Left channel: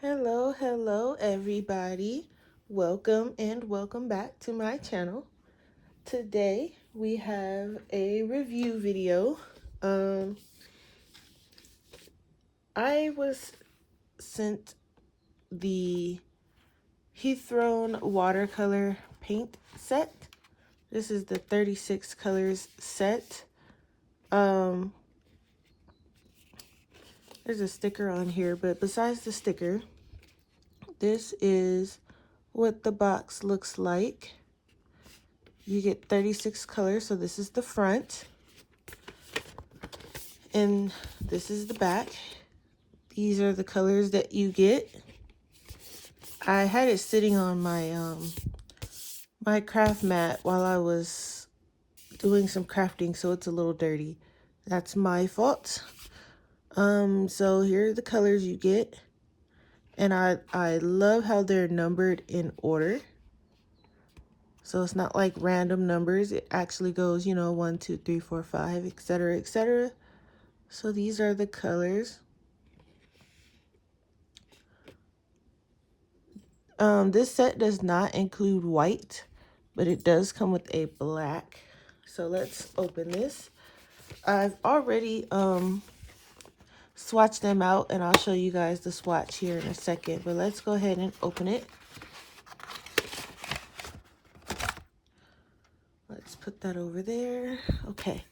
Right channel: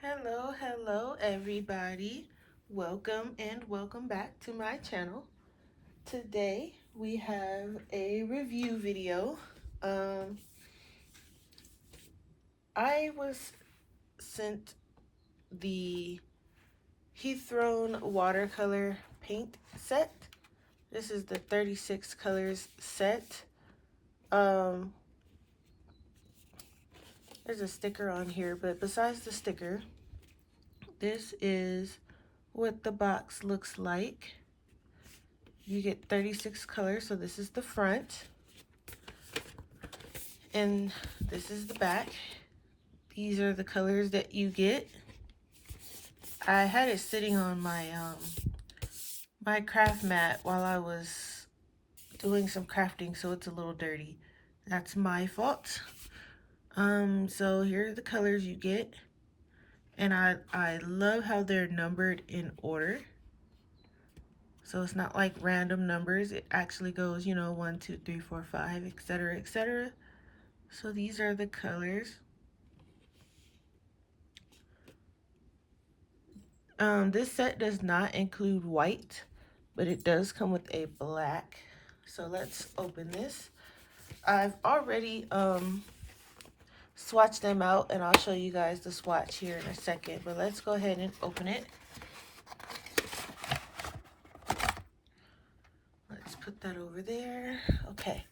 Hello everybody. Welcome and welcome back to my channel. Today we have a review video. I was sent the Hethrone watercolor paint set. This is the 36 colors set. There's a sticker on here, but besides the sticker, this is what the box looks like. You get 36 colors, so this is the front. And this is the back. These are the colors that you get. I had it sitting on my craft mat while I was doing some crafting, so it's a little dirty. That's my fault. So here are the colors you get. And I love how they're numbered in order. So it's not like random numbers. It actually goes, 1, 2, 3, 4, 5, etc., etc. So these are the colors. This set does not include white, but it does come with a black. So let's open this. I've already swatched them out, and I'll show you guys the swatch here in a second, but let's go ahead and open it. Let's put that over there. Okay,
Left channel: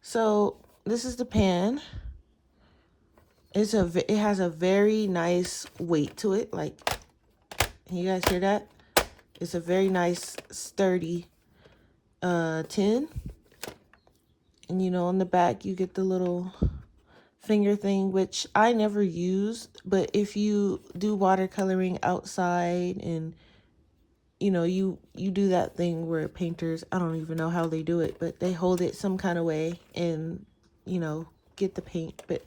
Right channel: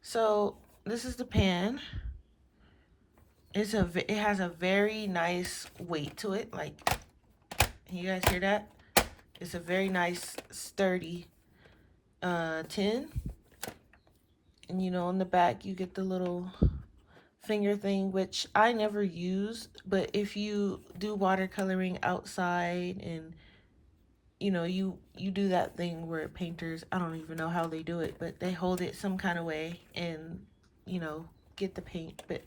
so this is the pan. It has a very nice weight to it. Like, you guys hear that? It's a very nice sturdy tin. And on the back you get the little finger thing, which I never used, but if you do watercoloring outside and you do that thing where painters, I don't even know how they do it, but they hold it some kind of way and get the paint. But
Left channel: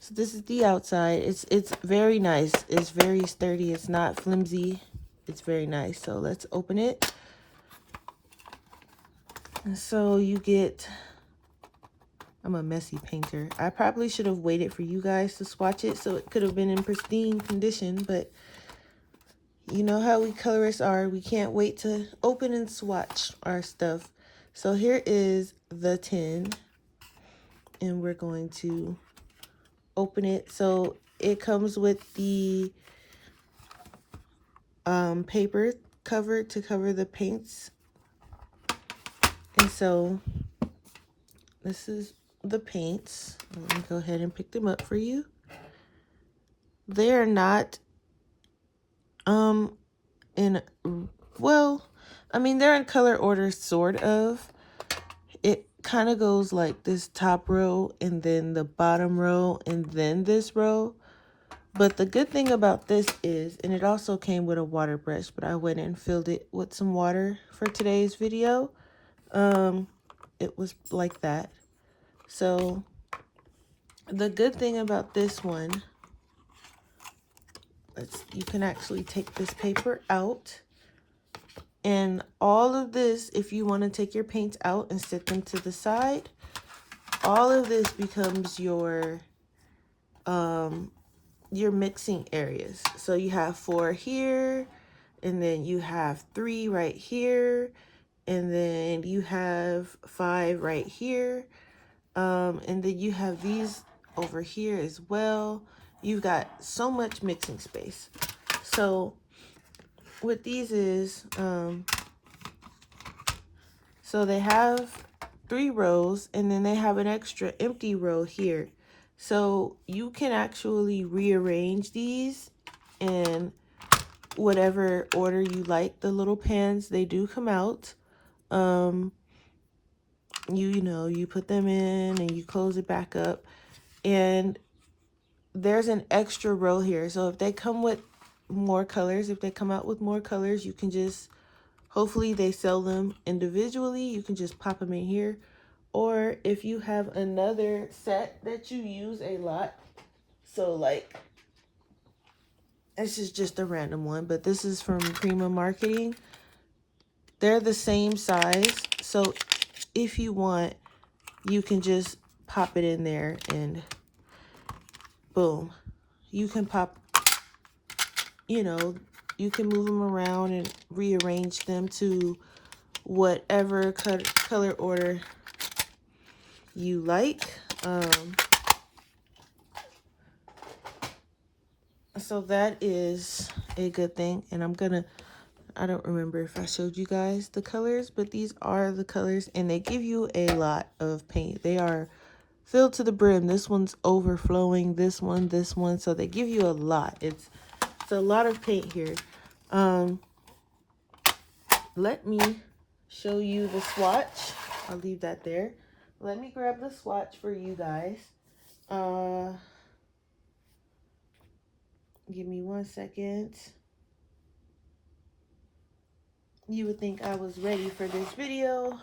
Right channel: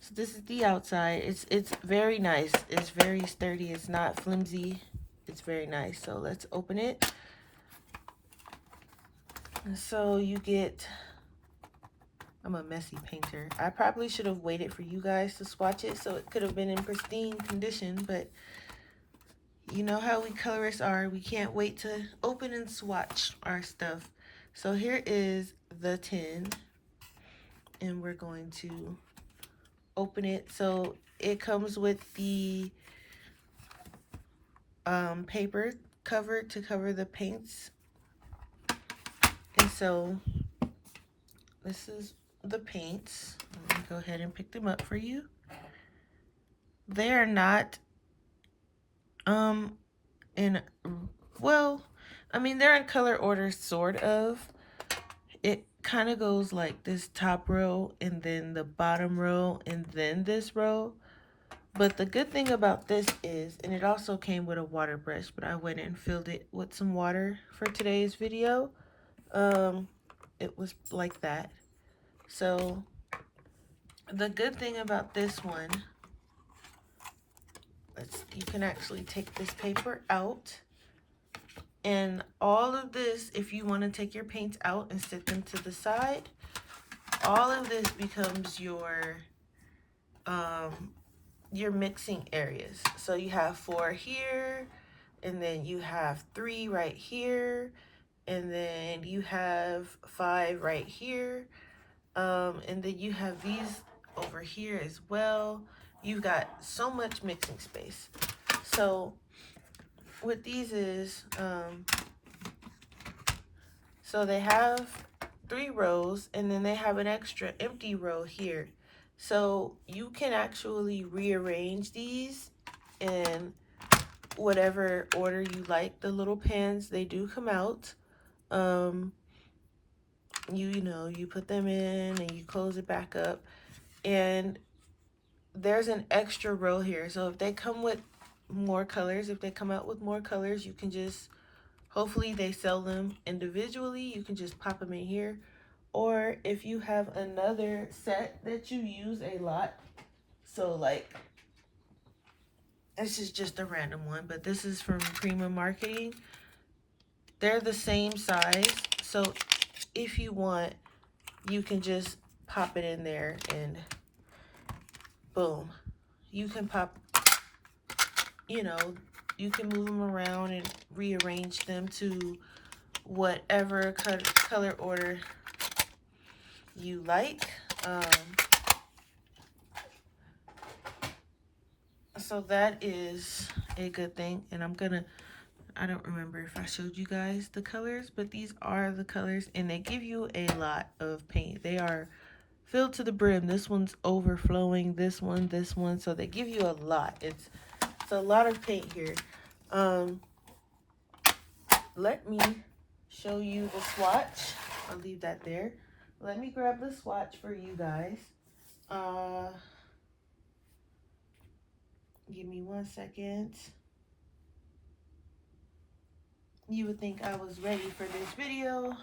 so this is the outside. It's very nice. It's very sturdy. It's not flimsy. It's very nice. So let's open it. And so you get, I'm a messy painter. I probably should have waited for you guys to swatch it so it could have been in pristine condition, but you know how we colorists are. We can't wait to open and swatch our stuff. So here is the tin, and we're going to open it. So it comes with the paper cover to cover the paints. And so this is the paints. Let me go ahead and pick them up for you. They're not they're in color order, sort of. It kind of goes like this top row and then the bottom row and then this row. But the good thing about this is, and it also came with a water brush, but I went and filled it with some water for today's video. It was like that. So the good thing about this one, you can actually take this paper out, and all of this, if you want to take your paints out and set them to the side, all of this becomes your mixing areas. So you have 4 here, and then you have 3 right here, and then you have 5 right here, and then you have these over here as well. You've got so much mixing space. So what these is, so they have 3 rows, and then they have an extra empty row here. So you can actually rearrange these in whatever order you like. The little pans, they do come out. You put them in and you close it back up, and there's an extra row here. So if they come with more colors, if they come out with more colors, you can just, hopefully they sell them individually, you can just pop them in here. Or if you have another set that you use a lot, so like, this is just a random one, but this is from Prima Marketing. They're the same size, so if you want, you can just pop it in there and boom. You can pop you know, you can move them around and rearrange them to whatever color order you like. So that is a good thing. And I don't remember if I showed you guys the colors, but these are the colors, and they give you a lot of paint. They are filled to the brim. This one's overflowing, this one, so they give you a lot. It's a lot of paint here. Let me show you the swatch. I'll leave that there. Let me grab the swatch for you guys. Give me 1 second. You would think I was ready for this video.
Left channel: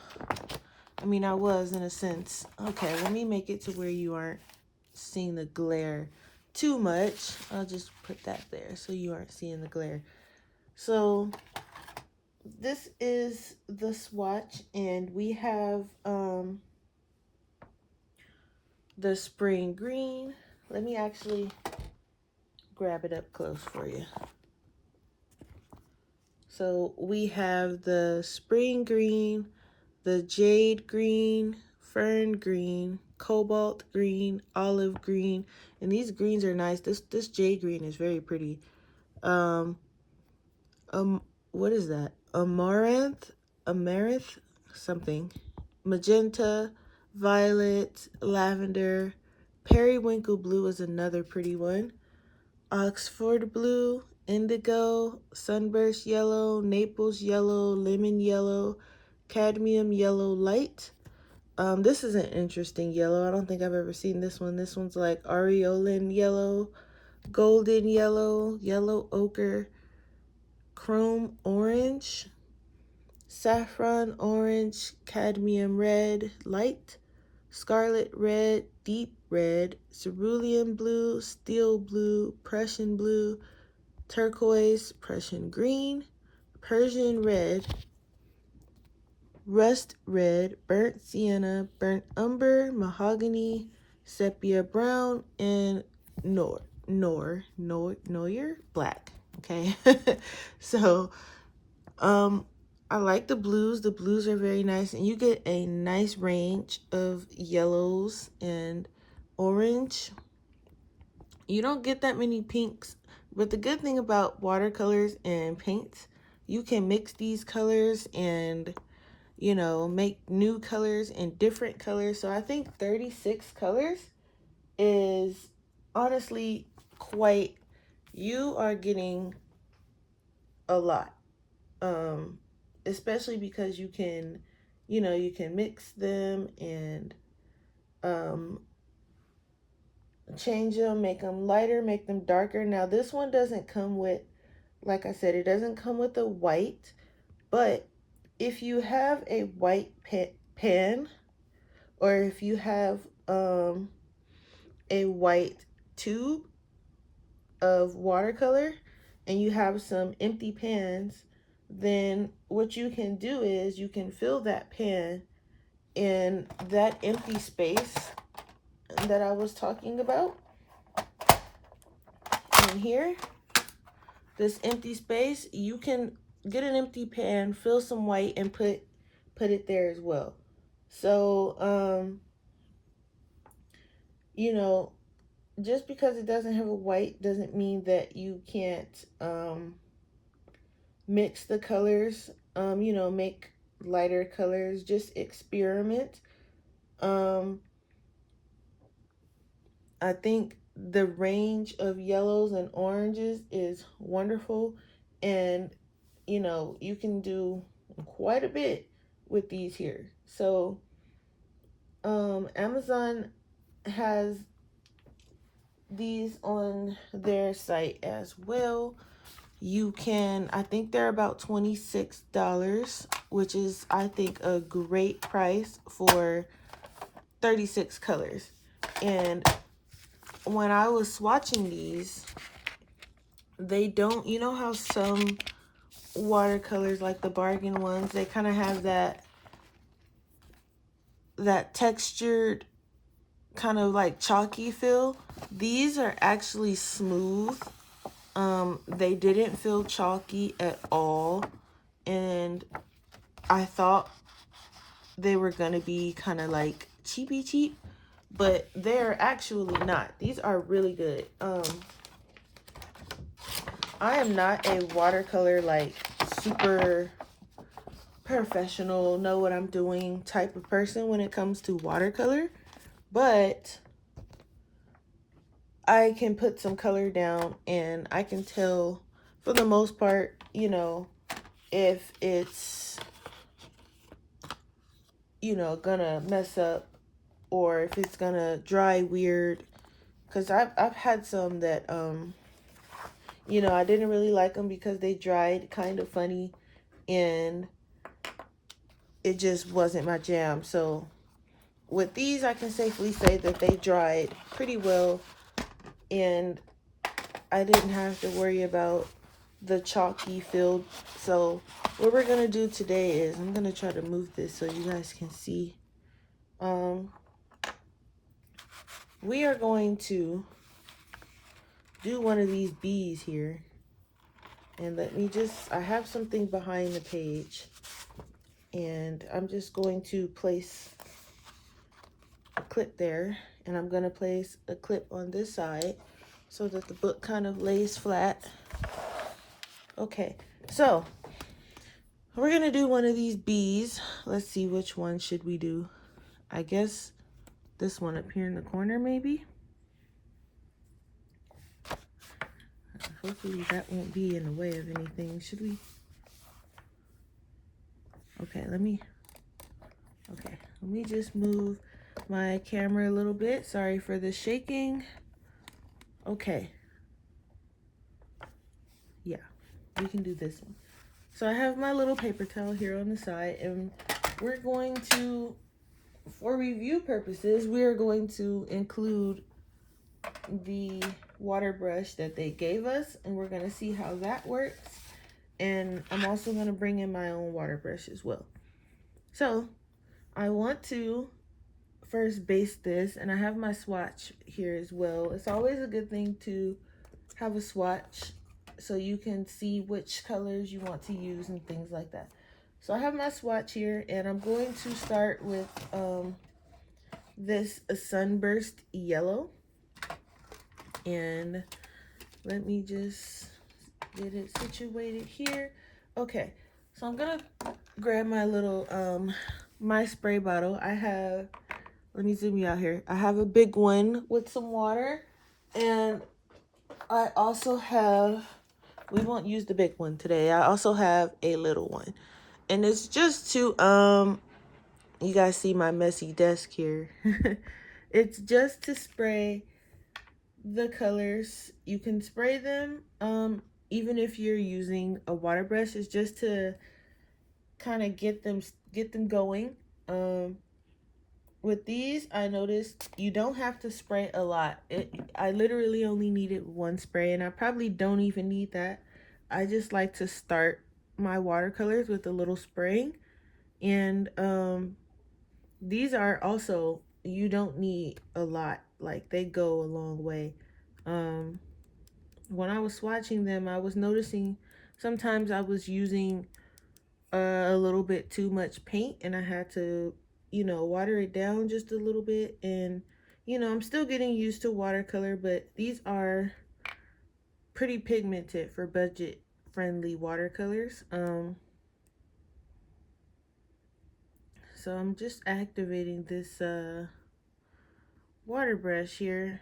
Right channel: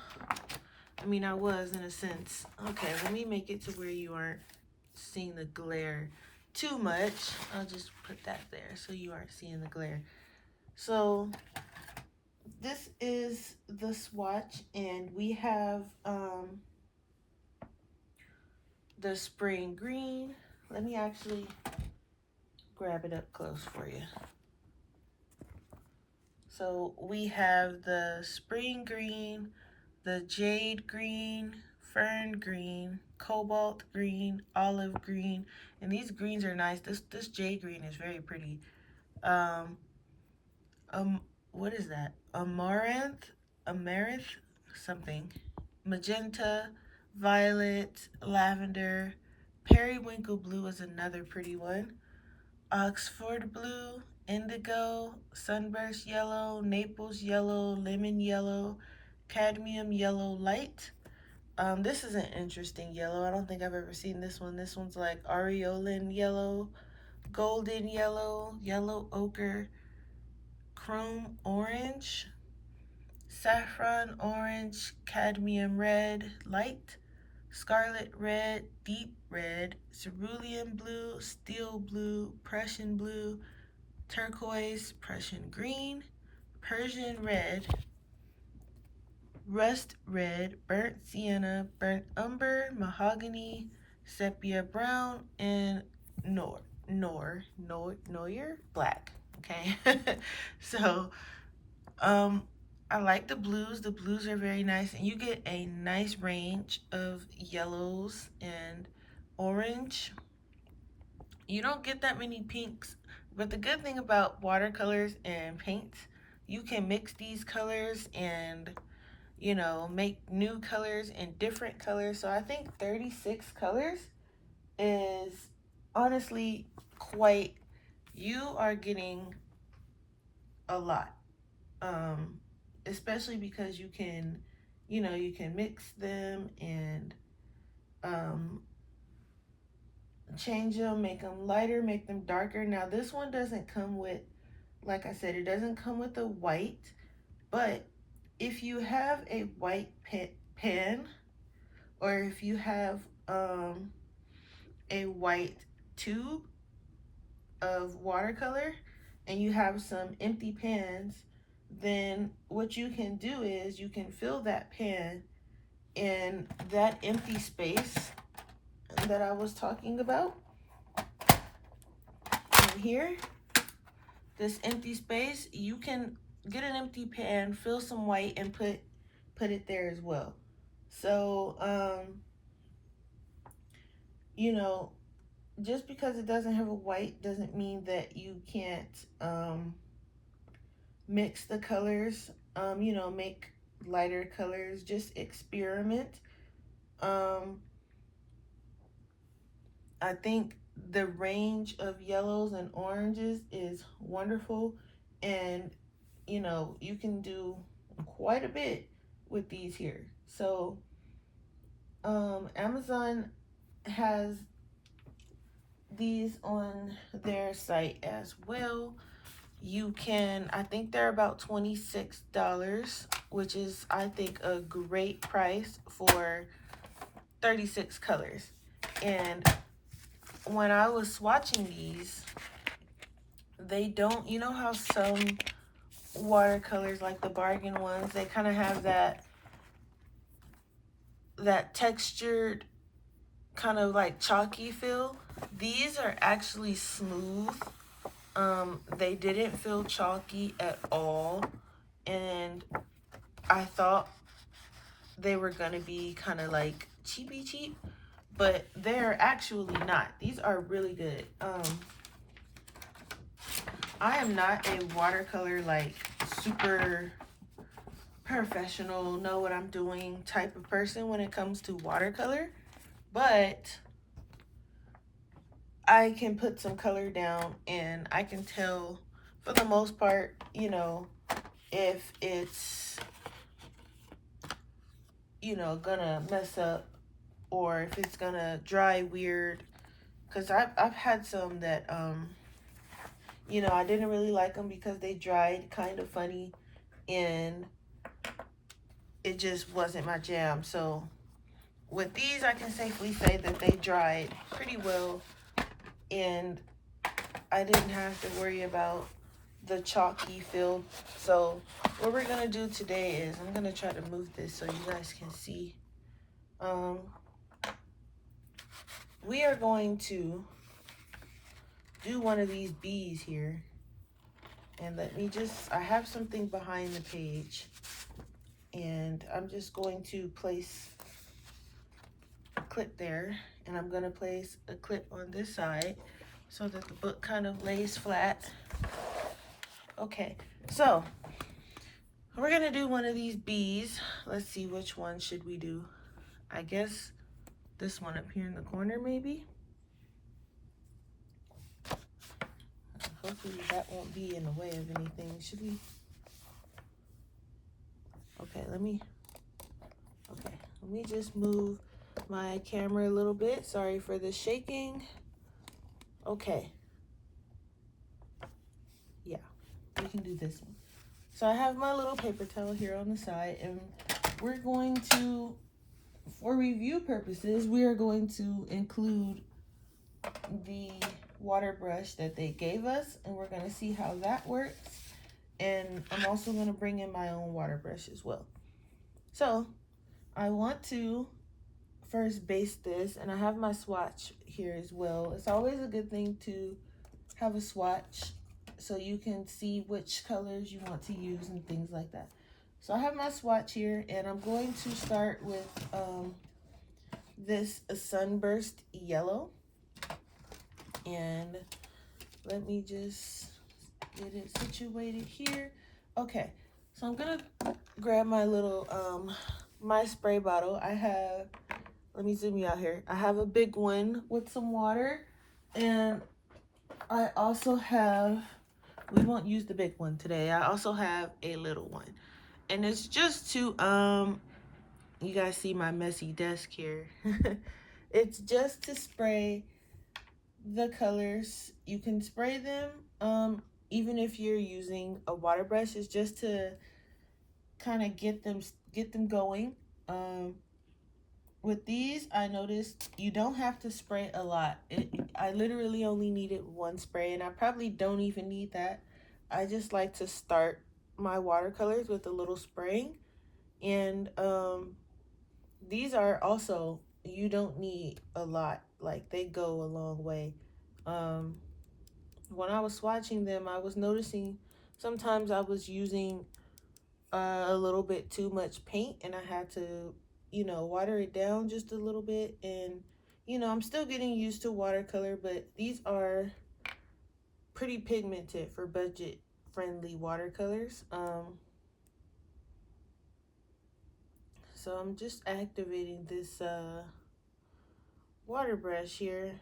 I mean, I was in a sense. Okay, let me make it to where you aren't seeing the glare too much. I'll just put that there so you aren't seeing the glare. So this is the swatch, and we have the spring green. Let me actually grab it up close for you. So we have the spring green, the jade green, fern green, cobalt green, olive green, and these greens are nice. This jade green is very pretty. What is that? Amaranth, something. Magenta, violet, lavender, periwinkle blue is another pretty one. Oxford blue, indigo, sunburst yellow, Naples yellow, lemon yellow, cadmium yellow light. This is an interesting yellow. I don't think I've ever seen this one. This one's like aureolin yellow, golden yellow, yellow ochre, chrome orange, saffron orange, cadmium red light, scarlet red, deep red, cerulean blue, steel blue, Prussian blue, turquoise, Prussian green, Persian red, rust red, burnt sienna, burnt umber, mahogany, sepia brown, and Noir black. Okay. So I like the blues. The blues are very nice, and you get a nice range of yellows and orange. You don't get that many pinks, but the good thing about watercolors and paints, you can mix these colors and, you know, make new colors and different colors. So I think 36 colors is honestly quite, you are getting a lot. Especially because you can, you know, you can mix them and change them, make them lighter, make them darker. Now this one doesn't come with, like I said, it doesn't come with a white, but if you have a white pen, or if you have a white tube of watercolor and you have some empty pans, then what you can do is you can fill that pan in that empty space that I was talking about. And here, this empty space, you can get an empty pan, fill some white, and put it there as well. So you know, just because it doesn't have a white doesn't mean that you can't mix the colors, you know, make lighter colors, just experiment. I think the range of yellows and oranges is wonderful, and you know, you can do quite a bit with these here. So Amazon has these on their site as well. You can, I think they're about $26, which is, I think, a great price for 36 colors. And when I was swatching these, they don't, you know how some watercolors, like the bargain ones, they kind of have that textured kind of like chalky feel. These are actually smooth. They didn't feel chalky at all, and I thought they were gonna be kind of like cheapy cheap, but they're actually not. These are really good. I am not a watercolor like super professional, know what I'm doing type of person when it comes to watercolor, but I can put some color down and I can tell for the most part, you know, if it's, you know, gonna mess up or if it's gonna dry weird. Because I've had some that, you know, I didn't really like them because they dried kind of funny and it just wasn't my jam. So with these, I can safely say that they dried pretty well and I didn't have to worry about the chalky feel. So what we're gonna do today is I'm gonna try to move this so you guys can see. We are going to do one of these bees here, and let me just, I have something behind the page and I'm just going to place a clip there, and I'm going to place a clip on this side so that the book kind of lays flat. Okay, so we're going to do one of these bees. Let's see, which one should we do? I guess this one up here in the corner maybe. Hopefully that won't be in the way of anything. Should we? Okay, let me just move my camera a little bit. Sorry for the shaking. Okay. Yeah, we can do this one. So I have my little paper towel here on the side, and we're going to, for review purposes, we are going to include the water brush that they gave us, and we're going to see how that works. And I'm also going to bring in my own water brush as well. So I want to first base this, and I have my swatch here as well. It's always a good thing to have a swatch so you can see which colors you want to use and things like that. So I have my swatch here, and I'm going to start with this sunburst yellow. And let me just get it situated here. Okay, so I'm gonna grab my little my spray bottle. I have, let me zoom you out here. I have a big one with some water, and I also have, we won't use the big one today. I also have a little one, and it's just to you guys see my messy desk here. It's just to spray the colors. You can spray them even if you're using a water brush. It's just to kind of get them going. With these, I noticed you don't have to spray a lot. I literally only needed one spray, and I probably don't even need that. I just like to start my watercolors with a little spraying. And these are also, you don't need a lot. Like, they go a long way. When I was swatching them, I was noticing sometimes I was using a little bit too much paint, and I had to, you know, water it down just a little bit. And you know, I'm still getting used to watercolor, but these are pretty pigmented for budget friendly watercolors. So I'm just activating this water brush here,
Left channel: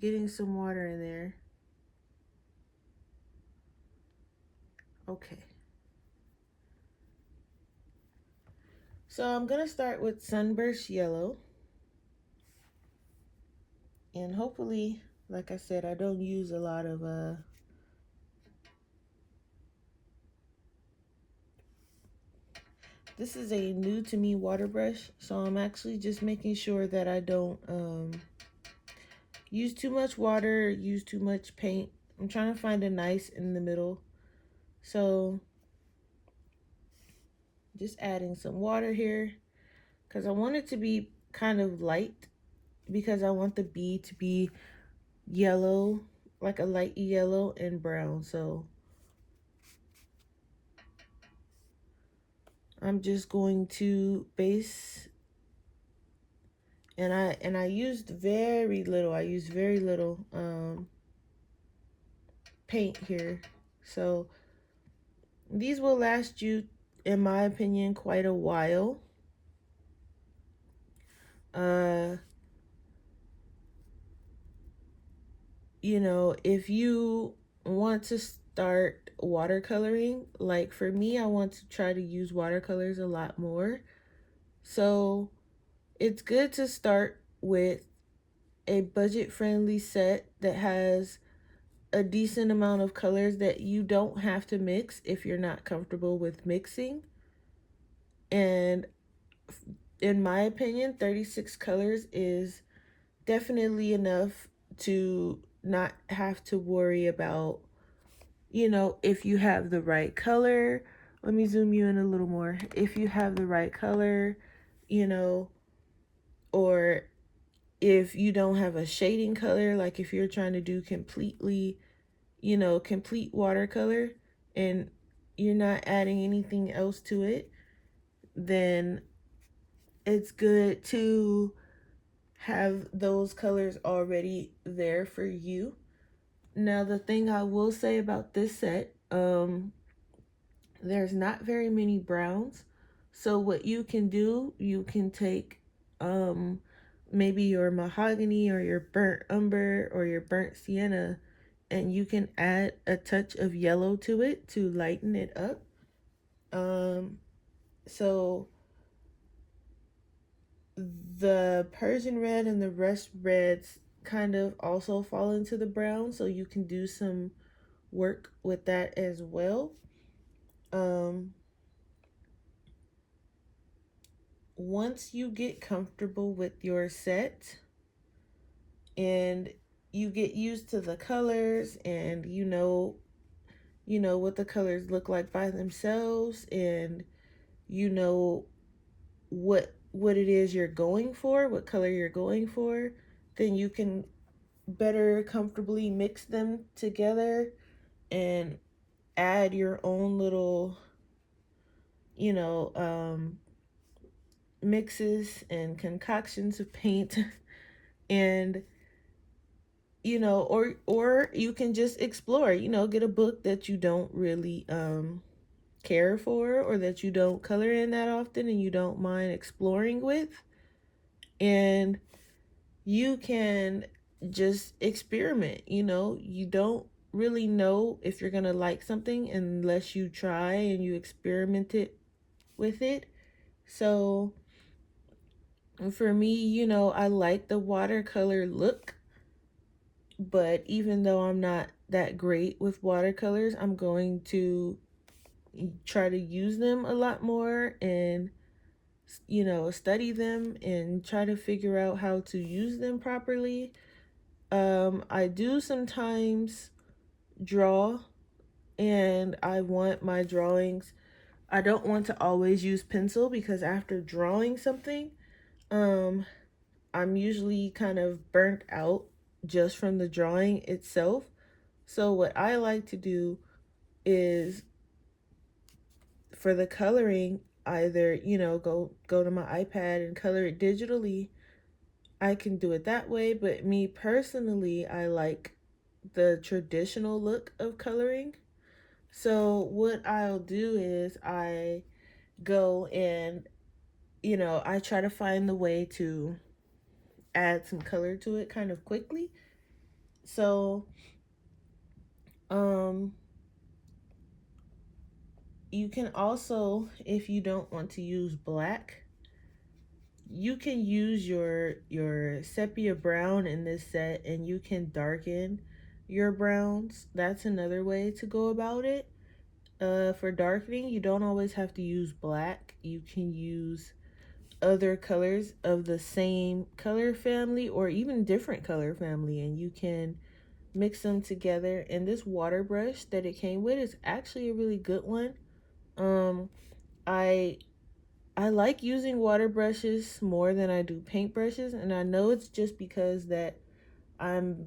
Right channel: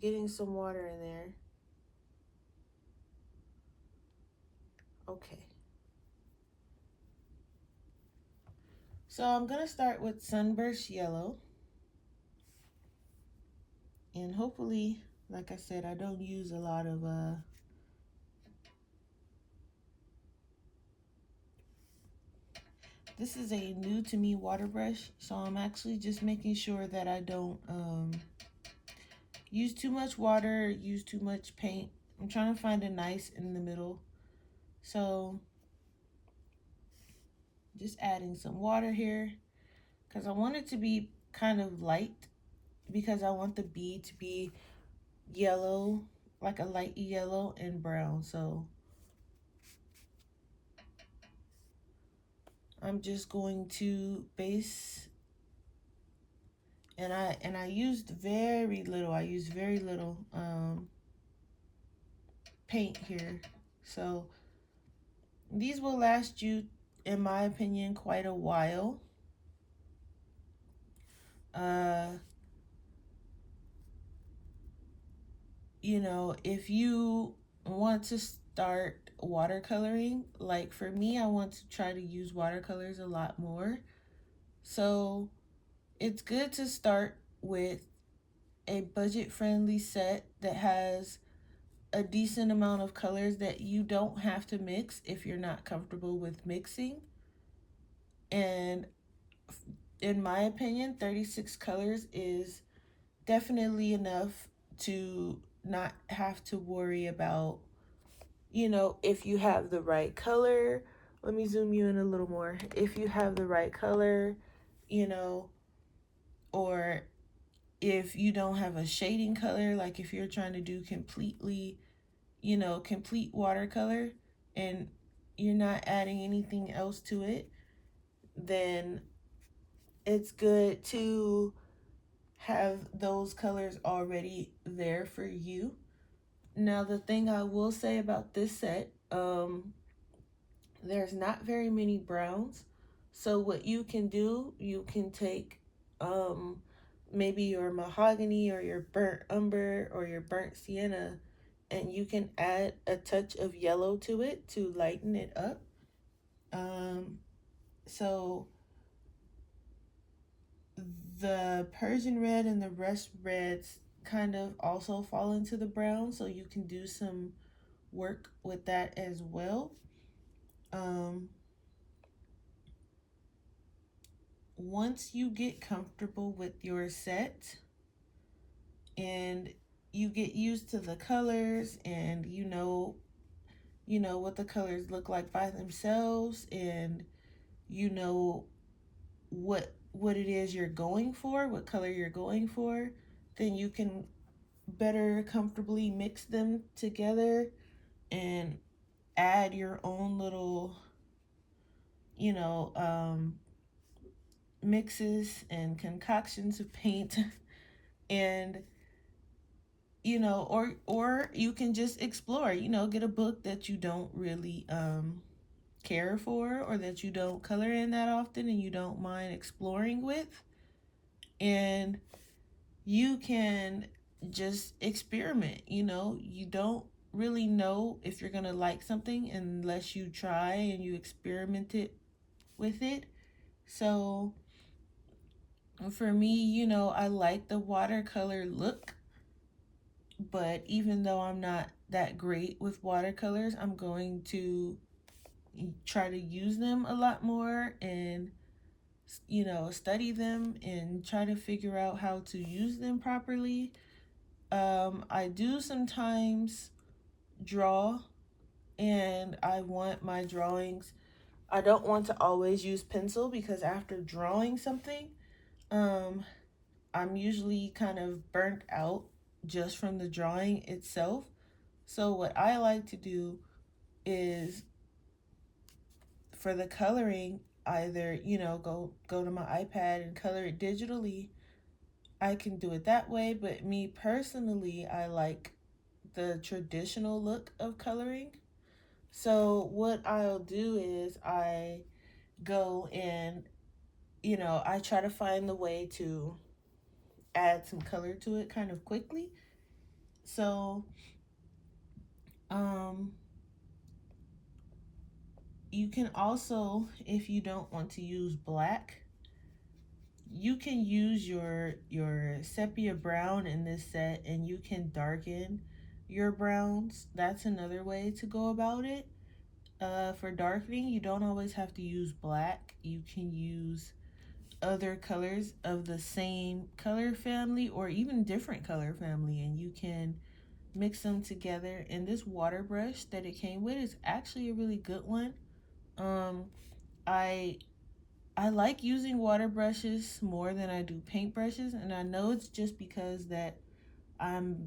getting some water in there. Okay, so I'm gonna start with Sunburst Yellow, and hopefully, like I said, I don't use a lot of this is a new to me water brush, so I'm actually just making sure that I don't use too much water, use too much paint. I'm trying to find a nice in the middle. So just adding some water here because I want it to be kind of light, because I want the bee to be yellow like a light yellow and brown. So I'm just going to base, and I used very little. I used very little paint here. So these will last you, in my opinion, quite a while. Uh, you know, if you want to start watercoloring, like for me, I want to try to use watercolors a lot more. So it's good to start with a budget-friendly set that has a decent amount of colors that you don't have to mix if you're not comfortable with mixing. And in my opinion, 36 colors is definitely enough to not have to worry about, you know, if you have the right color. Let me zoom you in a little more. If you have the right color, you know, or if you don't have a shading color, like if you're trying to do completely, you know, complete watercolor and you're not adding anything else to it, then it's good to have those colors already there for you. Now, the thing I will say about this set, there's not very many browns. So what you can do, you can take um, maybe your mahogany or your burnt umber or your burnt sienna, and you can add a touch of yellow to it to lighten it up. Um, so the Persian red and the rust reds kind of also fall into the brown, so you can do some work with that as well. Um, Once you get comfortable with your set and you get used to the colors and you know what the colors look like by themselves, and you know what it is you're going for, what color you're going for, then you can better comfortably mix them together and add your own little, you know, mixes and concoctions of paint. And you know, or you can just explore, you know, get a book that you don't really care for, or that you don't color in that often and you don't mind exploring with, and you can just experiment. You know, you don't really know if you're gonna like something unless you try and you experiment it with it. So for me, you know, I like the watercolor look, but even though I'm not that great with watercolors, I'm going to try to use them a lot more and, you know, study them and try to figure out how to use them properly. I do sometimes draw, and I want my drawings, I don't want to always use pencil because after drawing something, um, I'm usually kind of burnt out just from the drawing itself. So what I like to do is, for the coloring, either, you know, go to my iPad and color it digitally. I can do it that way, but me personally, I like the traditional look of coloring. So what I'll do is I go and, you know, I try to find the way to add some color to it kind of quickly. So um you can also, if you don't want to use black, you can use your sepia brown in this set, and you can darken your browns. That's another way to go about it. For darkening, you don't always have to use black. You can use other colors of the same color family or even different color family, and you can mix them together. And this water brush that it came with is actually a really good one. um I I like using water brushes more than I do paint brushes, and I know it's just because that I'm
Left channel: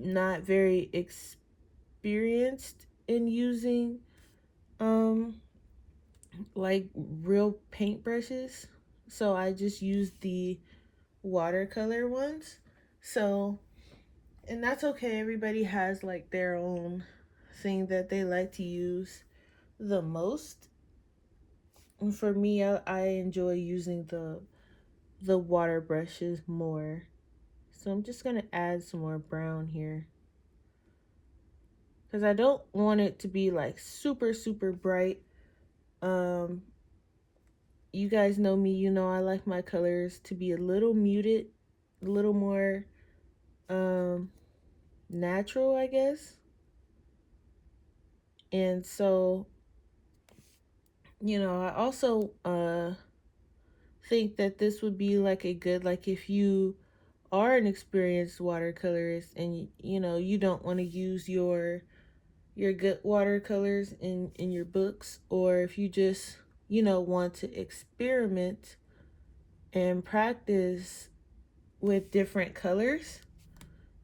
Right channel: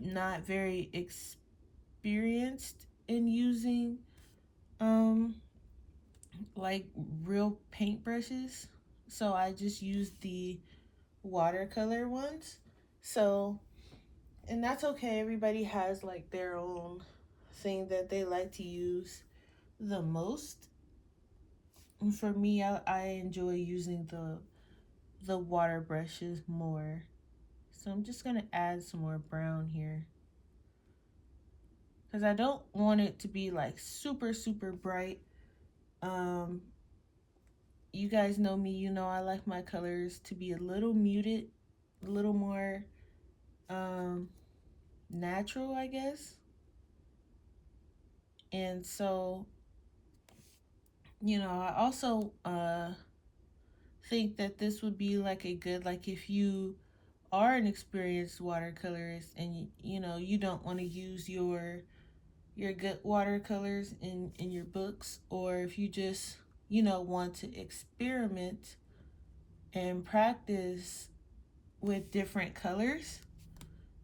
not very experienced in using um like real paintbrushes, so I just use the watercolor ones. So, and that's okay. Everybody has like their own thing that they like to use the most. And for me, I enjoy using the water brushes more. So I'm just gonna add some more brown here because I don't want it to be like super bright. Um, you guys know me, you know I like my colors to be a little muted, a little more um natural, I guess. And so, I also think that this would be like a good, like if you are an experienced watercolorist and you don't want to use your good watercolors in your books, or if you just want to experiment and practice with different colors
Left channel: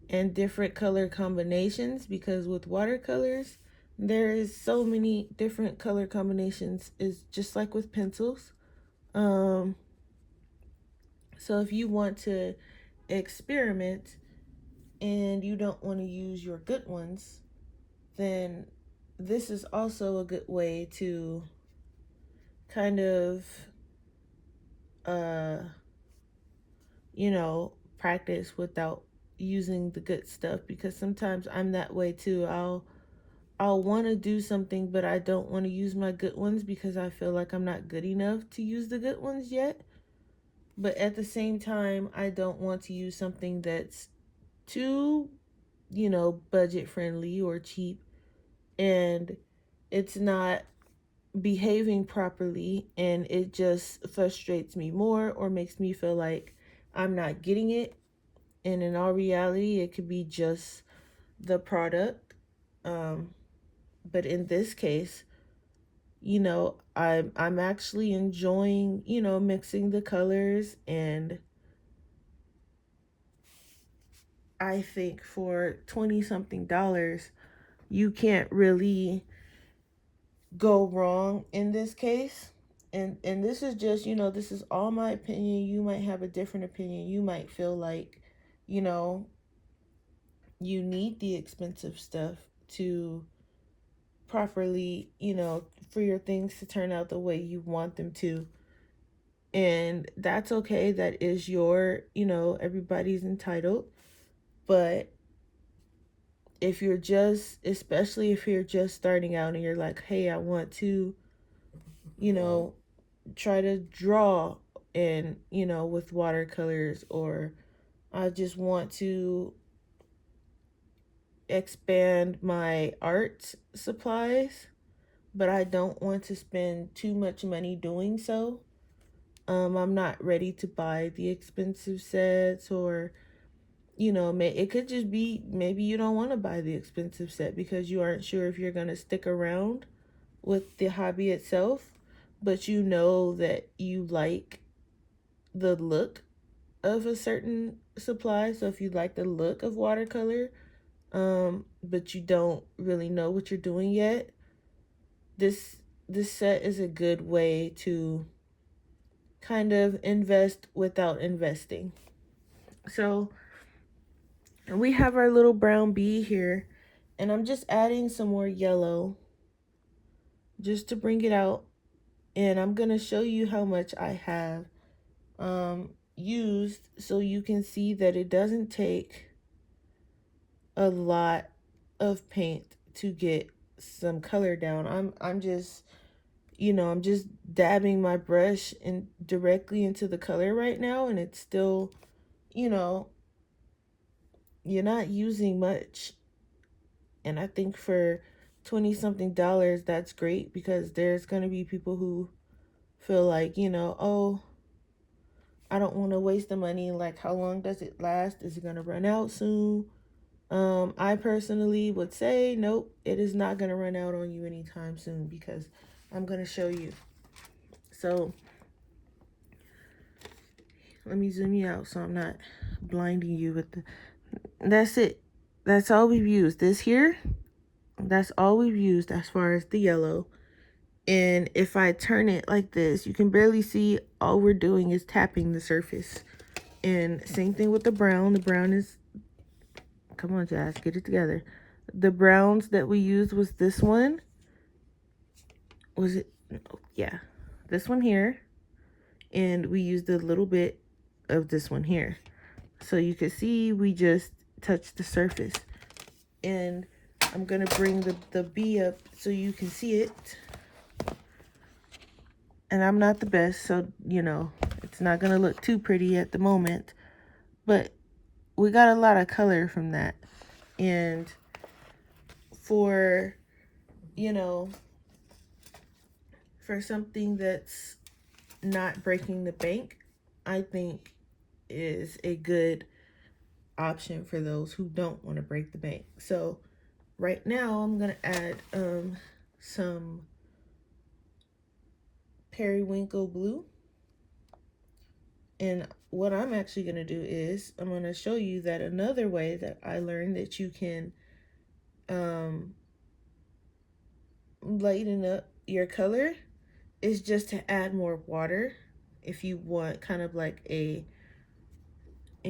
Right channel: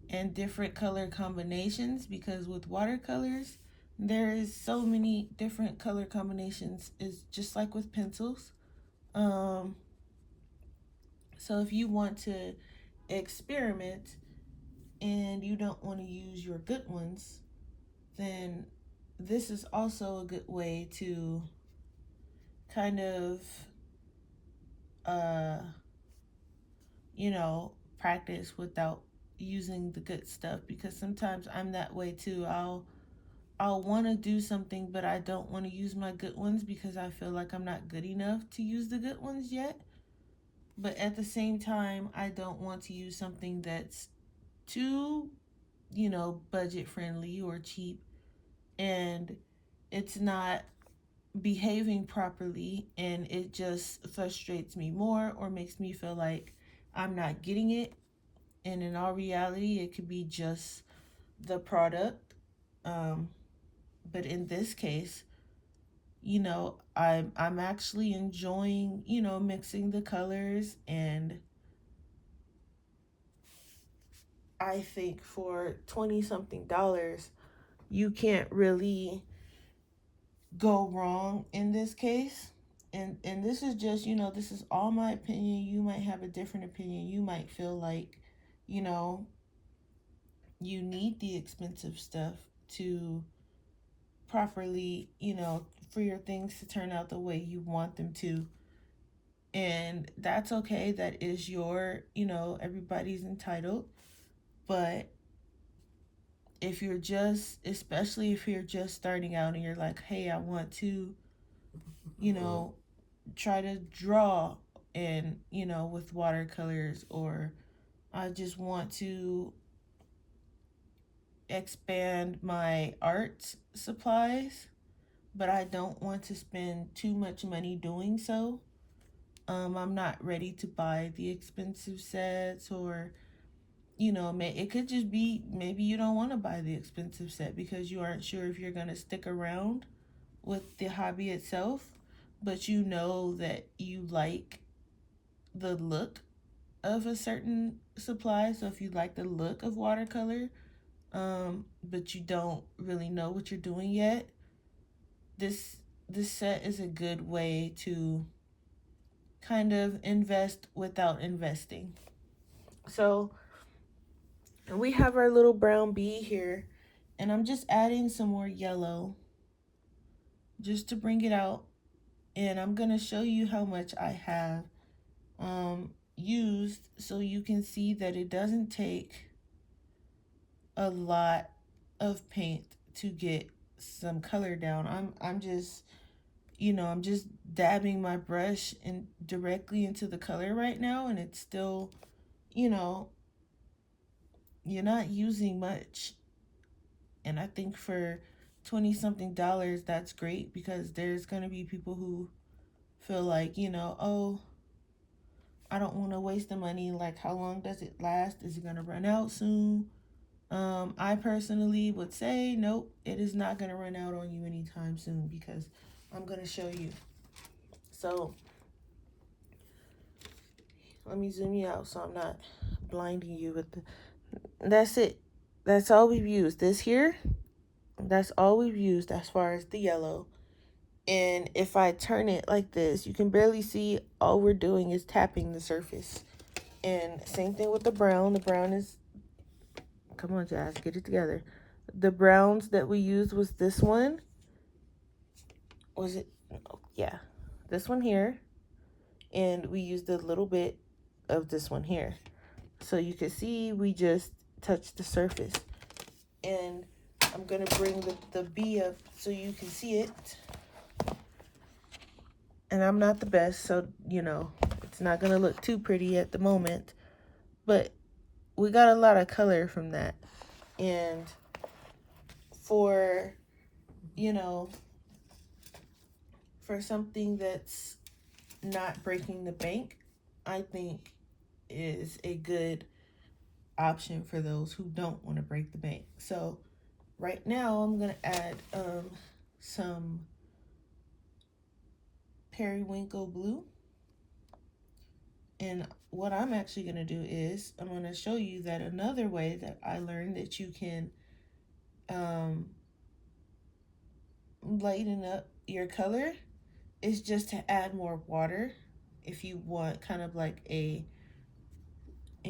and different color combinations, because with watercolors there is so many different color combinations. It's just like with pencils. um so if you want to experiment and you don't want to use your good ones, then this is also a good way to kind of uh practice without using the good stuff, because sometimes I'm that way too. I'll want to do something, but I don't want to use my good ones because I feel like I'm not good enough to use the good ones yet. But at the same time, I don't want to use something that's too, budget friendly or cheap, and it's not behaving properly, and it just frustrates me more or makes me feel like I'm not getting it. And in all reality, it could be just the product. Um, but in this case, I'm actually enjoying, mixing the colors. And I think for 20 something dollars, you can't really go wrong in this case. And this is just, this is all my opinion. You might have a different opinion. You might feel like, you know, you need the expensive stuff to properly, for your things to turn out the way you want them to. And that's okay. That is your, everybody's entitled. But if you're just, especially if you're just starting out and you're like, hey, I want to, you know, try to draw and, with watercolors, or I just want to expand my art supplies, but I don't want to spend too much money doing so. I'm not ready to buy the expensive sets, or it could just be maybe you don't want to buy the expensive set because you aren't sure if you're going to stick around with the hobby itself, but you know that you like the look of a certain supply. So if you like the look of watercolor, but you don't really know what you're doing yet, this this set is a good way to kind of invest without investing. So we have our little brown bee here, and I'm just adding some more yellow just to bring it out. And I'm gonna show you how much I have used, so you can see that it doesn't take a lot of paint to get some color down. I'm just, I'm just dabbing my brush in directly into the color right now, and it's still, you know, you're not using much. And I think for 20 something dollars, that's great, because there's going to be people who feel like, oh, I don't want to waste the money. Like, how long does it last? Is it going to run out soon? I personally would say, nope, it is not going to run out on you anytime soon, because I'm going to show you. So let me zoom you out so I'm not blinding you with the, that's it. that's all we've used. This here, that's all we've used as far as the yellow. And if I turn it like this, you can barely see. All we're doing is tapping the surface. And same thing with the brown. The brown is, come on, Jazz, get it together. The browns that we used was this one. Was it? Yeah, this one here. And we used a little bit of this one here. So you can see we just touched the surface. And I'm going to bring the bee up so you can see it. And I'm not the best, so, you know, it's not going to look too pretty at the moment. But we got a lot of color from that. And for, you know, for something that's not breaking the bank, I think is a good option for those who don't want to break the bank. So right now I'm going to add some periwinkle blue. And what I'm actually going to do is I'm going to show you that another way that I learned that you can lighten up your color is just to add more water if you want kind of like a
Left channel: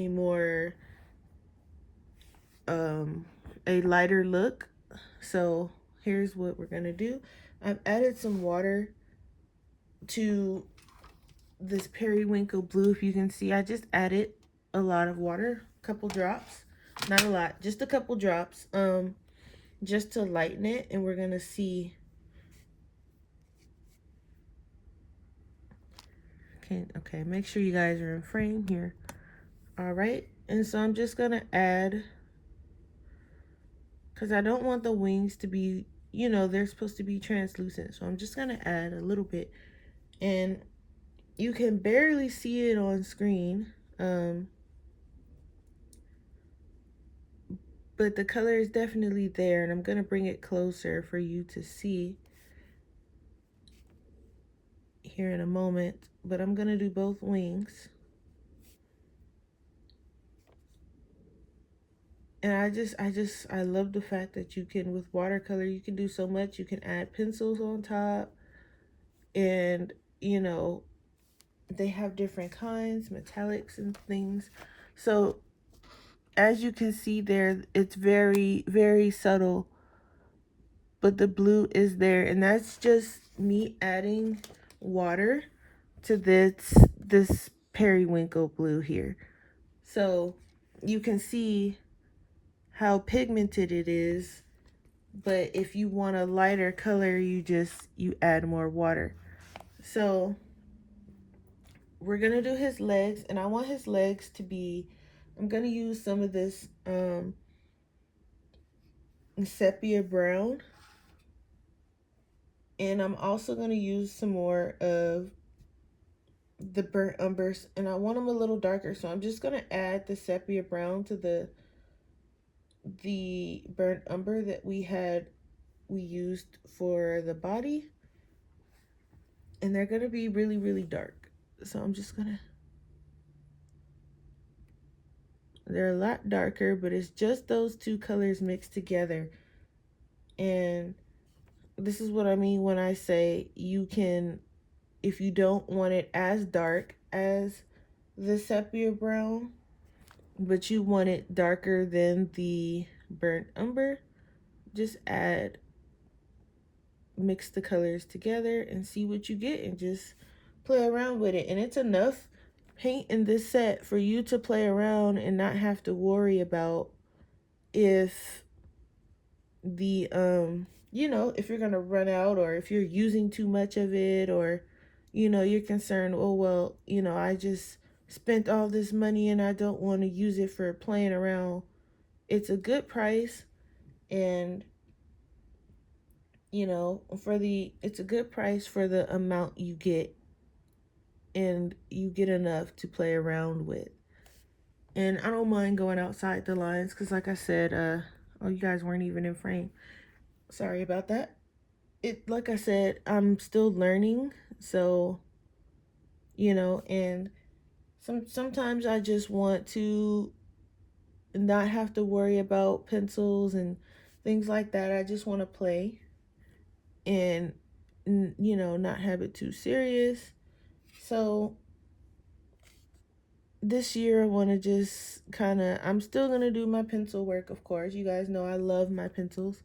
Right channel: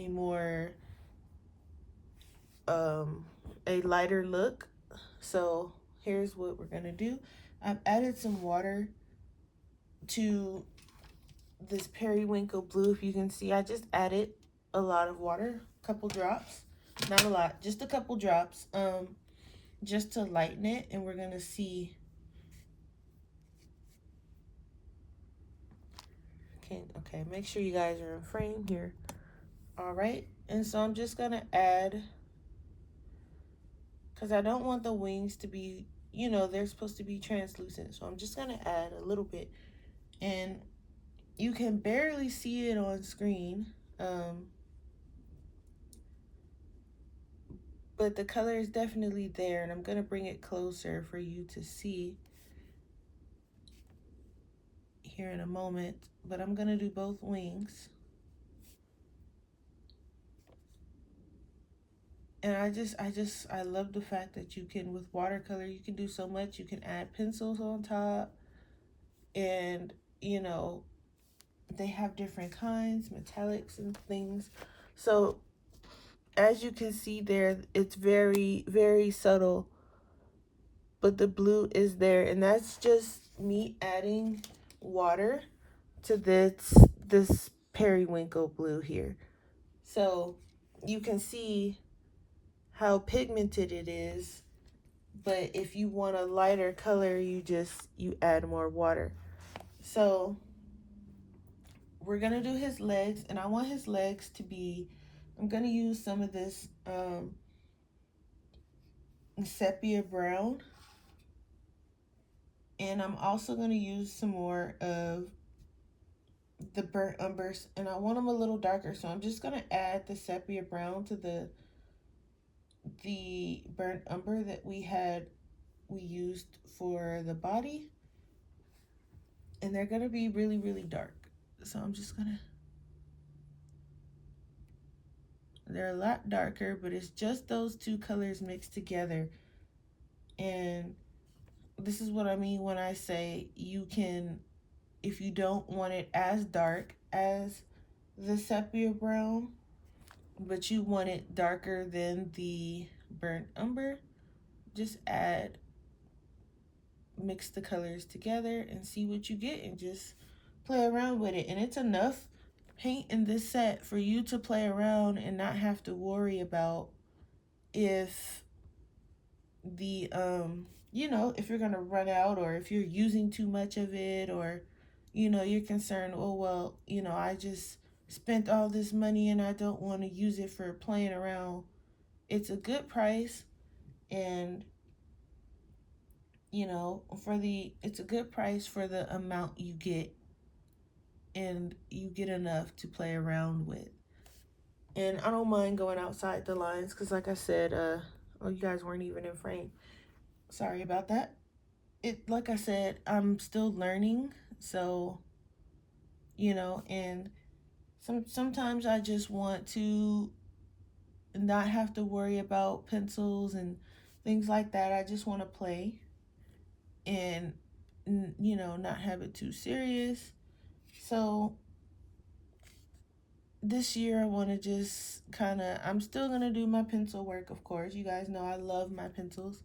more a lighter look. So here's what we're going to do. I've added some water to this periwinkle blue. If you can see, I just added a lot of water, a couple drops, not a lot, just a couple drops, just to lighten it. And we're gonna see. Okay, make sure you guys are in frame here. All right, and so I'm just gonna add, because I don't want the wings to be, you know, they're supposed to be translucent, so I'm just gonna add a little bit. And you can barely see it on screen, but the color is definitely there, and I'm gonna bring it closer for you to see here in a moment. But I'm gonna do both wings. And I love the fact that you can, with watercolor, you can do so much. You can add pencils on top, and you know, they have different kinds, metallics and things. So as you can see there, it's very, very subtle, but the blue is there, and that's just me adding water to this periwinkle blue here. So you can see how pigmented it is, but if you want a lighter color, you add more water. So we're gonna do his legs, and I want his legs to be, I'm gonna use some of this sepia brown, and I'm also gonna use some more of the burnt umbers, and I want them a little darker, so I'm just gonna add the sepia brown to the burnt umber that we used for the body, and they're gonna be really, really dark. So I'm just gonna, they're a lot darker, but it's just those two colors mixed together. And this is what I mean when I say you can, if you don't want it as dark as the sepia brown, but you want it darker than the burnt umber, just mix the colors together and see what you get, and just play around with it. And it's enough paint in this set for you to play around and not have to worry about if the you know, if you're gonna run out, or if you're using too much of it, or you know, you're concerned, oh well, you know, I just spent all this money and I don't want to use it for playing around. It's a good price, and you know, it's a good price for the amount you get, and you get enough to play around with. And I don't mind going outside the lines, because like I said, oh, you guys weren't even in frame, sorry about that. Like I said, I'm still learning, so you know, and sometimes I just want to not have to worry about pencils and things like that. I just want to play and, you know, not have it too serious. So this year I want to just kind of, I'm still going to do my pencil work, of course. You guys know I love my pencils.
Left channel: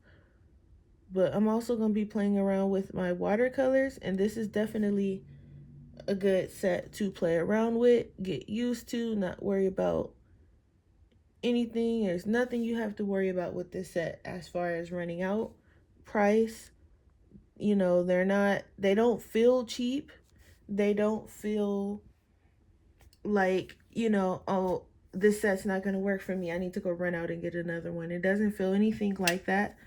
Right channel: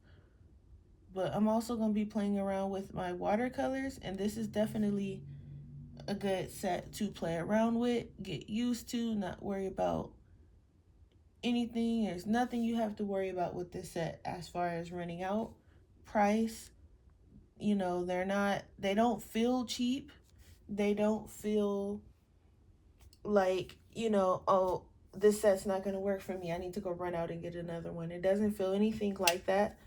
But I'm also going to be playing around with my watercolors. And this is definitely a good set to play around with, get used to, not worry about anything. There's nothing you have to worry about with this set as far as running out. Price, you know, they don't feel cheap. They don't feel like, you know, oh, this set's not going to work for me. I need to go run out and get another one. It doesn't feel anything like that.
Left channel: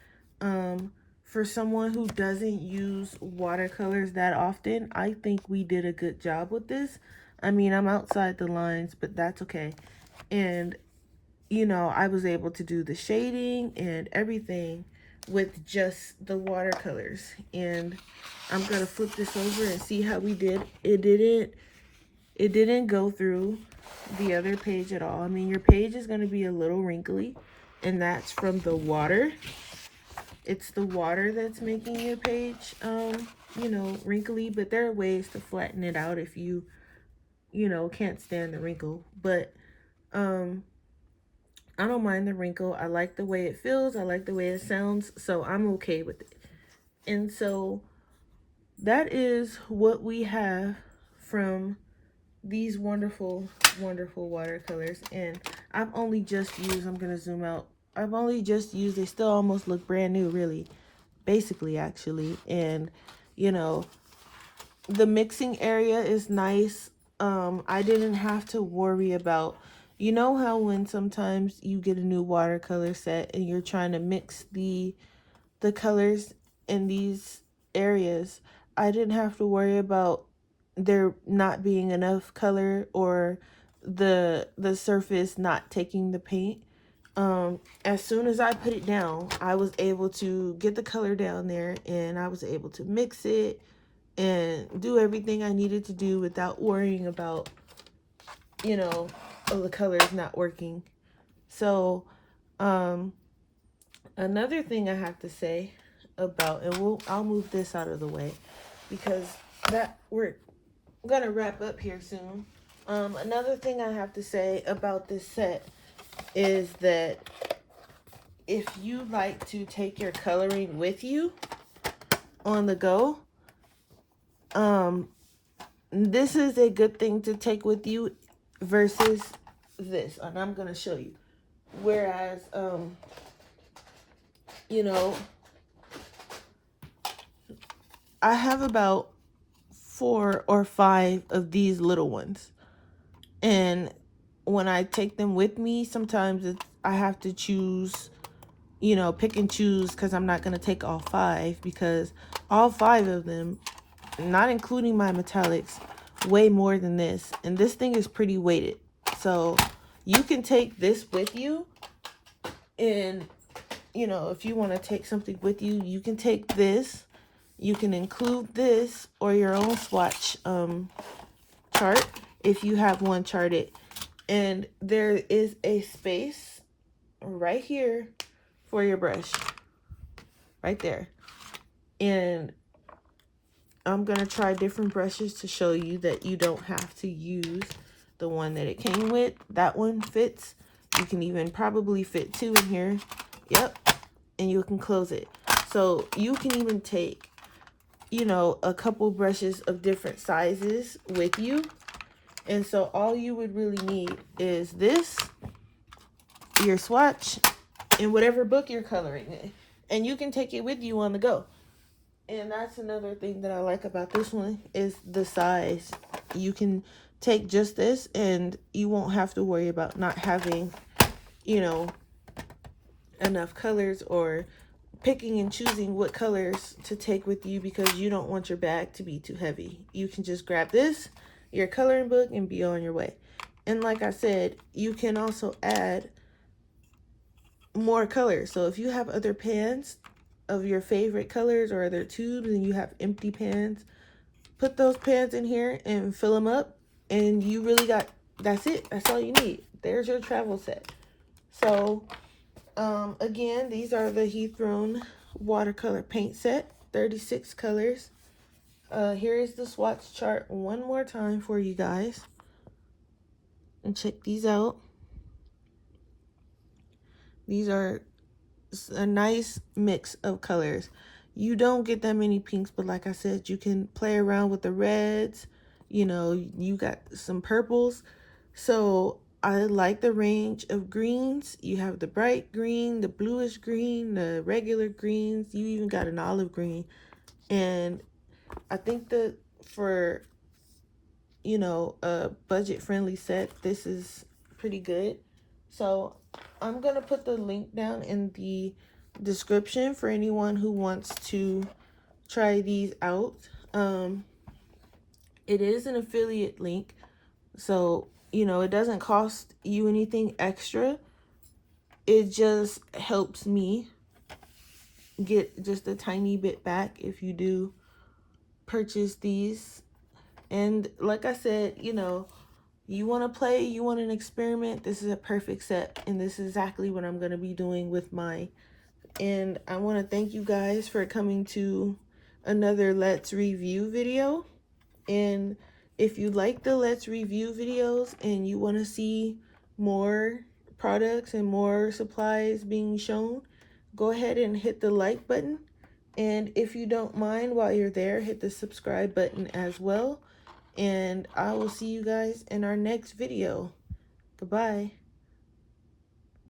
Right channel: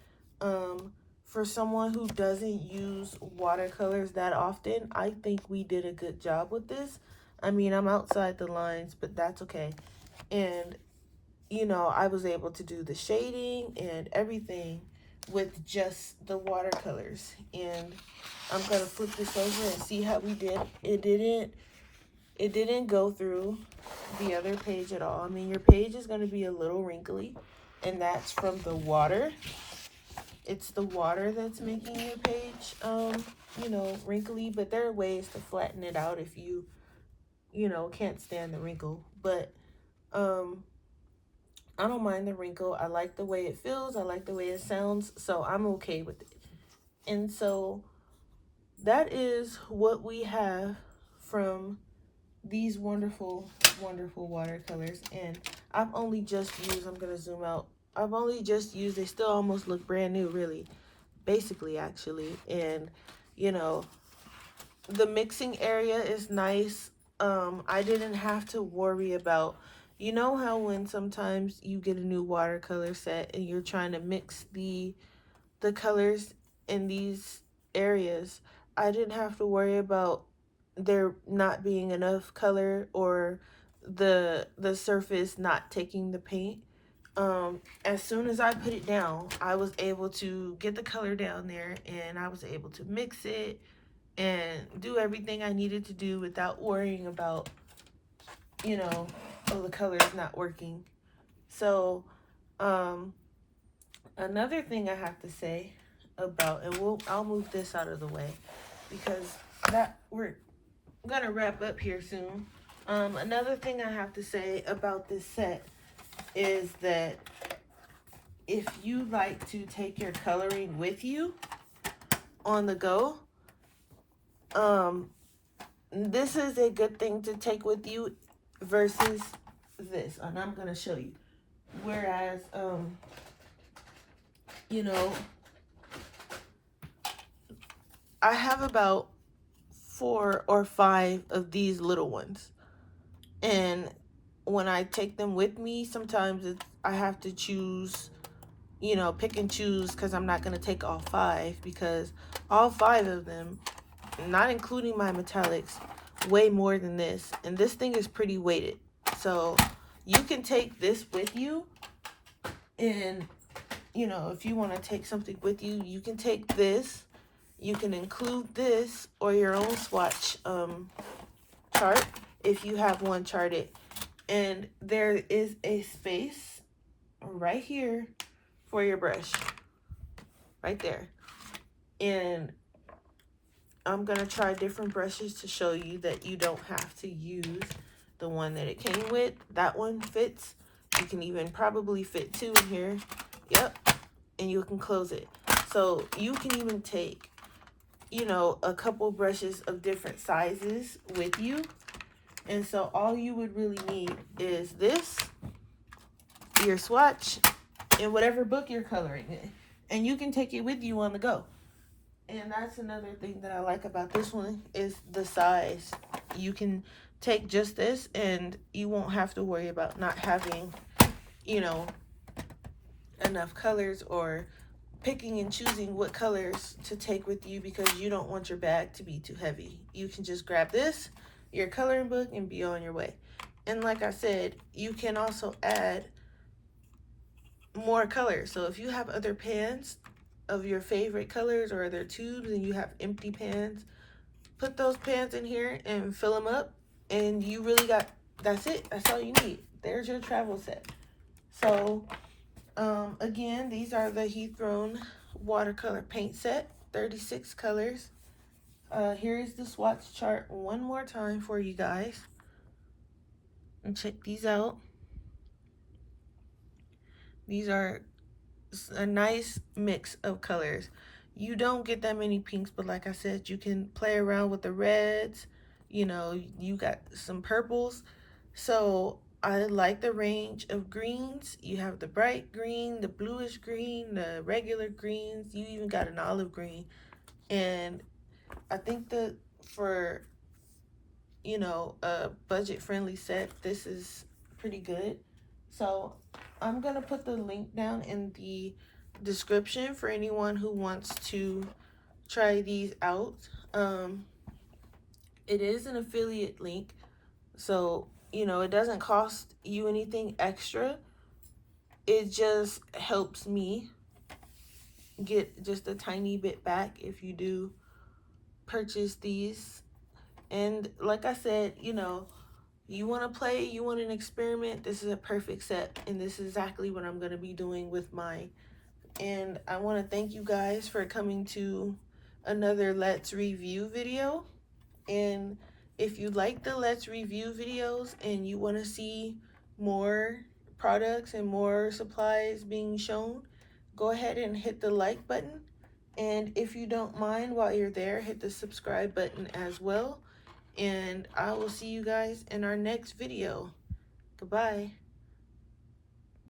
For someone who doesn't use watercolors that often, I think we did a good job with this. I mean, I'm outside the lines, but that's okay. And, you know, I was able to do the shading and everything with just the watercolors. And I'm going to flip this over and see how we did. It didn't go through the other page at all. I mean, your page is going to be a little wrinkly, and that's from the water. It's the water that's making your page, you know, wrinkly, but there are ways to flatten it out if you, you know, can't stand the wrinkle. But I don't mind the wrinkle. I like the way it feels. I like the way it sounds, so I'm okay with it. And so that is what we have from these wonderful, wonderful watercolors. And I've only just used, I'm going to zoom out. I've only just used, they still almost look brand new, really. Basically, actually. And, you know, the mixing area is nice. I didn't have to worry about, you know how when sometimes you get a new watercolor set and you're trying to mix the colors in these areas, I didn't have to worry about there not being enough color or the surface not taking the paint. As soon as I put it down, I was able to get the color down there, and I was able to mix it and do everything I needed to do without worrying about, you know, oh, the color's not working. So, another thing I have to say about, and I'll move this out of the way because that we're gonna wrap up here soon. Another thing I have to say about this set is that if you like to take your coloring with you on the go, this is a good thing to take with you versus this, and I'm gonna show you. Whereas, you know, I have about 4 or 5 of these little ones, and when I take them with me, sometimes I have to choose, you know, pick and choose, because I'm not going to take all 5, because all 5 of them, not including my metallics, weigh more than this, and this thing is pretty weighted. So you can take this with you, and, you know, if you want to take something with you, you can take this. You can include this or your own swatch chart if you have one charted. And there is a space right here for your brush. Right there. And I'm going to try different brushes to show you that you don't have to use the one that it came with. That one fits. You can even probably fit 2 in here. Yep. And you can close it. So you can even take, you know, a couple brushes of different sizes with you. And so all you would really need is this, your swatch, and whatever book you're coloring in. And you can take it with you on the go. And that's another thing that I like about this one is the size. You can take just this and you won't have to worry about not having, you know, enough colors or picking and choosing what colors to take with you because you don't want your bag to be too heavy. You can just grab this, your coloring book, and be on your way. And like I said, you can also add more colors. So if you have other pans of your favorite colors or other tubes and you have empty pans, put those pans in here and fill them up, and you really got, that's it. That's all you need. There's your travel set. So again, these are the Hethrone watercolor paint set, 36 colors. Here is the swatch chart one more time for you guys. And check these out. These are a nice mix of colors. You don't get that many pinks, but like I said, you can play around with the reds. You know, you got some purples. So I like the range of greens. You have the bright green, the bluish green, the regular greens. You even got an olive green. And I think that for, you know, a budget friendly set, this is pretty good. So I'm gonna put the link down in the description for anyone who wants to try these out. It is an affiliate link, so you know it doesn't cost you anything extra. It just helps me get just a tiny bit back if you do purchase these. And like I said, you know, you want to play, you want an experiment, this is a perfect set, and this is exactly what I'm going to be doing with mine. And I want to thank you guys for coming to another Let's Review video. And if you like the Let's Review videos and you want to see more products and more supplies being shown, go ahead and hit the like button. And if you don't mind, while you're there, hit the subscribe button as well. And I will see you guys in our next video. Goodbye.